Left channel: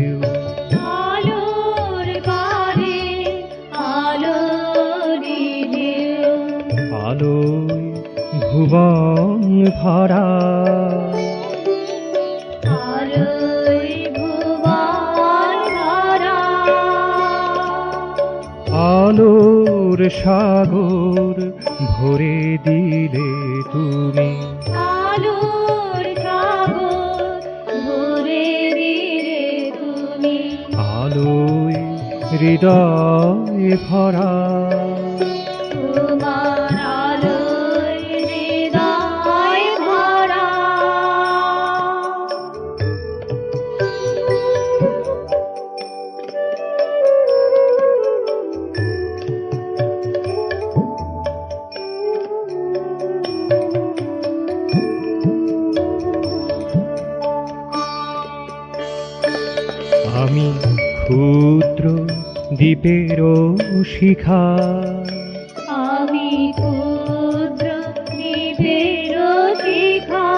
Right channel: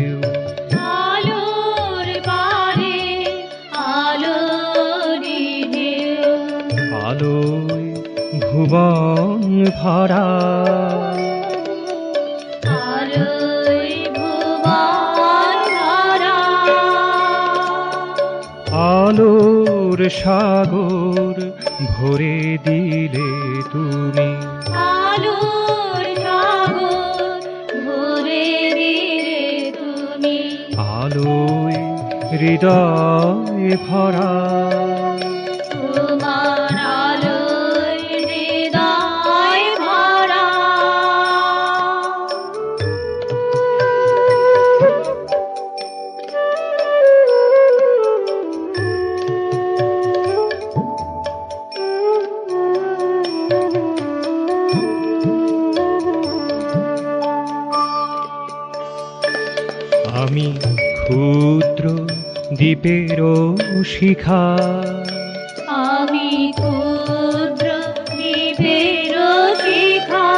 ঢেউ আলোর পারে আলোরি ঢেউ আলোয় ভুবন ভরা আলোয় ভুবন ভরা আলোর সাগর ভরে দিলে তুমি আলোর সাগর ভরে দিলে তুমি আলোয় হৃদয় ভরা তোমার আলোয় হৃদয় ভরা আমি ক্ষুদ্র দ্বীপেরও শিখা আমি ক্ষুদ্র দ্বীপের শিখা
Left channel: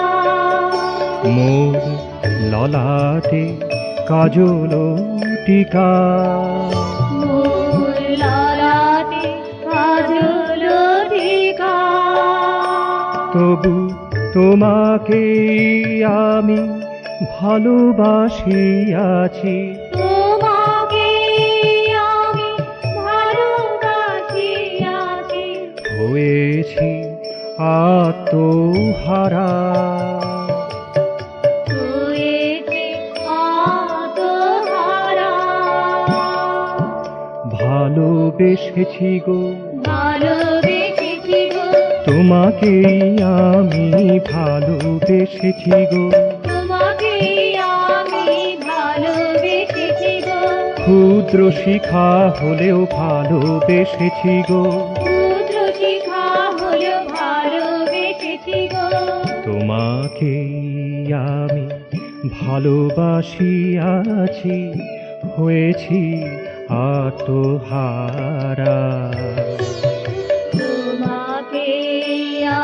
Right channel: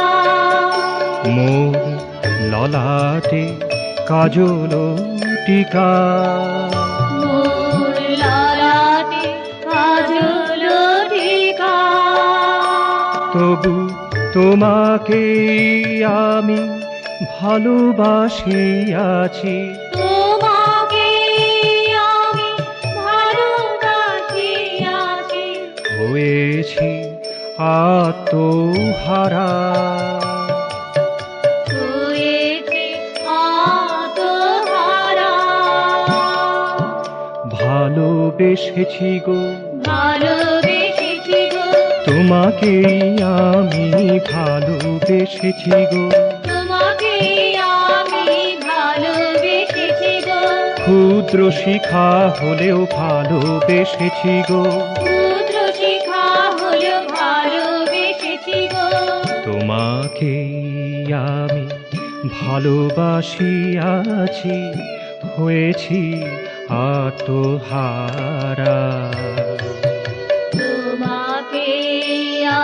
মোর ললাটে কাজল টিকা মোর ললাটে কাজল টিকা তবু তোমাকে আমি ভালোবাসিয়াছি তোমাকে আমি ভালোবাসিয়াছি হয়েছি আত্মহারা হয়েছি আত্মহারা ভালোবেসেছি গো ভালোবেসেছি গো তোমাকেই আমি ভালোবেসেছি গো তোমাকে আমি ভালোবেসেছি গো ক্ষুদ্র শিখা হলেও ভালোবেসেছি গো ক্ষুদ্র শিখা হলো ভালোবেসেছি গো তোমাকেই আমি ভালোবাসিয়াছি হয়েছি আত্মহারা তোমাকে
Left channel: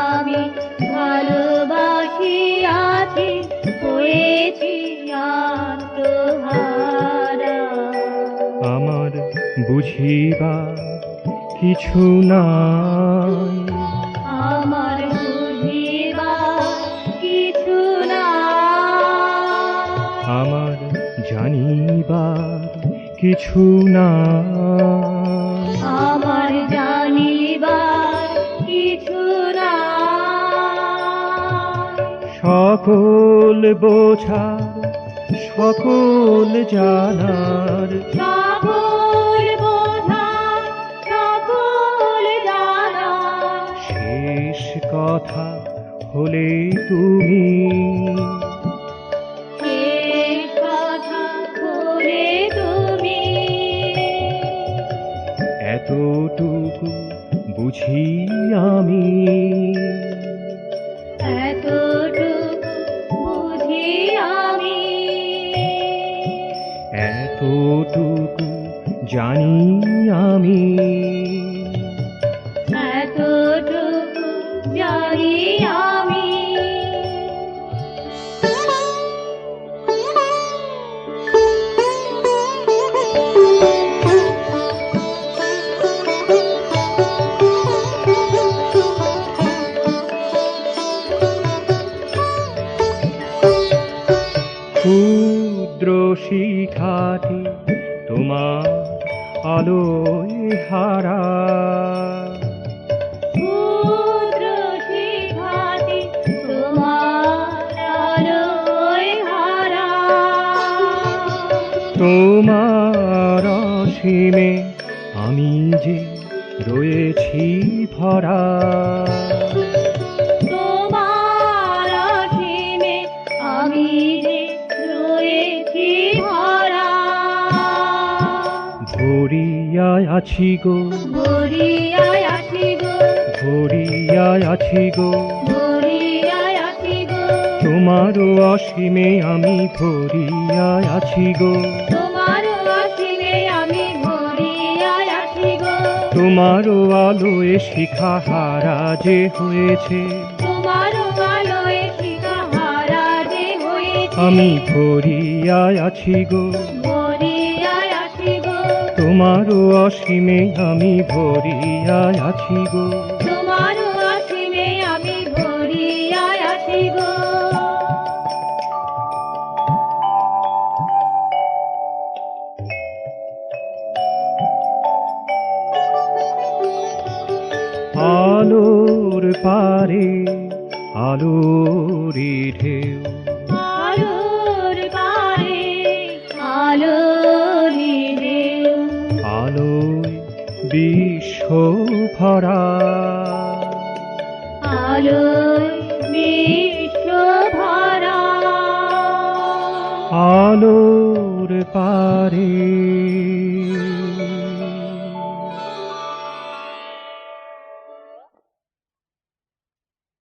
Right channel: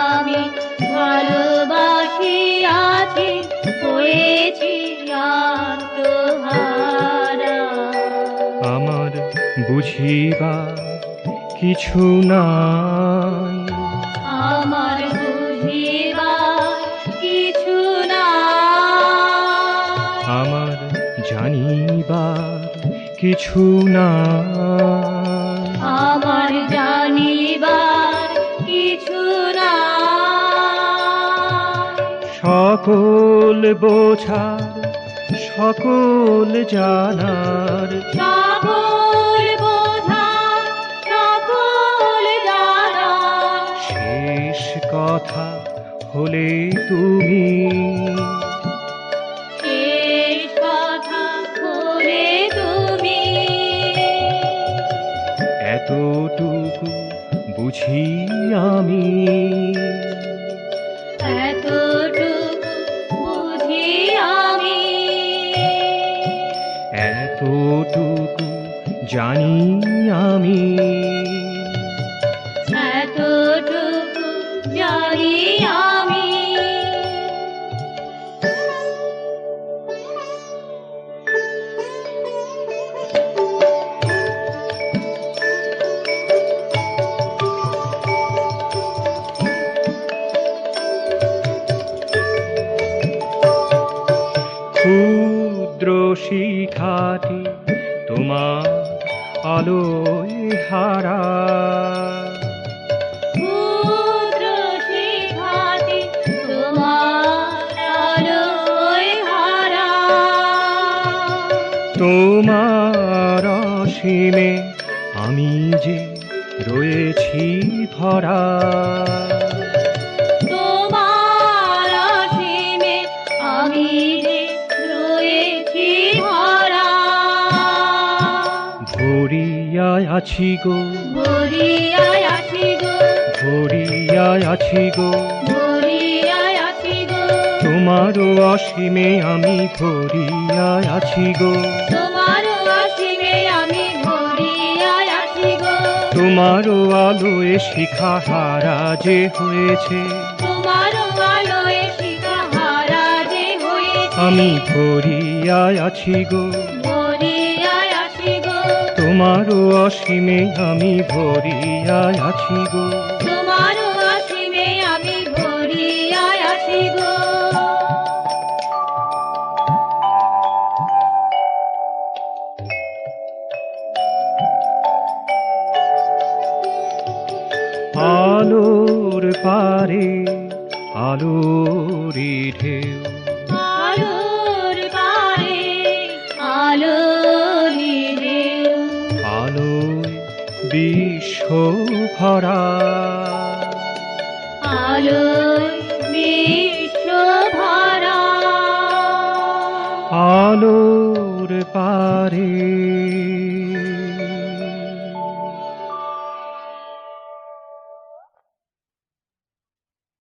আমি ভালোবাসিয়াছি হয়েছি আত্মহারা আমার বুঝিবার কিছু নাই আমার বুঝিবার কিছু না আমার জানিবার কিছু নাই আমার জানিবার কিছু না সকল বোঝার সকল জানার সকল বোঝা সকল জানা শেষ কথা হলে তুমি শেষ কথা বলে তুমি এতটুকু বুঝি আমি এতটুকু বুঝি আমি এতটুকু জানি আমি এতটুকু জানি আমি ক্ষুদ্র শিখাটি তোমার আলোয় হারা ক্ষুদ্র শিখাটি তোমার আলোয় হারা তোমার অসীমে আমি যে রয়েছি ভরা তোমার অসীমে আমি যে রয়েছি ভরা ভরিয়ায় আছি গো ভরিয়ায় আছি গো ভরিয়ায় আছি গো ভরিয়ায় আছি গো তোমারও অসীমে আমি ভরিয়ায় আছি গো তোমার অসীমে আমি ভরিয়ায় আছি গো তোমারও আলোয় শিখা হারা যে হয়েছে তোমার আলোয় শিখা হারা যে হয়েছে আমি ভরিয়ায় আছি গো ভরিয়ায় ভরিয়ায় আসি গো তোমারও অসীমে আমি ভরিয়া আছি গো তোমার অসীমে আমি ভরিয়ায় আসি গো আলোর পারে আলোরি ঢেউ আলোর পারে আলোরি ঢেউ আলোয় বিশ্ব ভরা আলোয় বিশ্ব ভরা আলোর পারে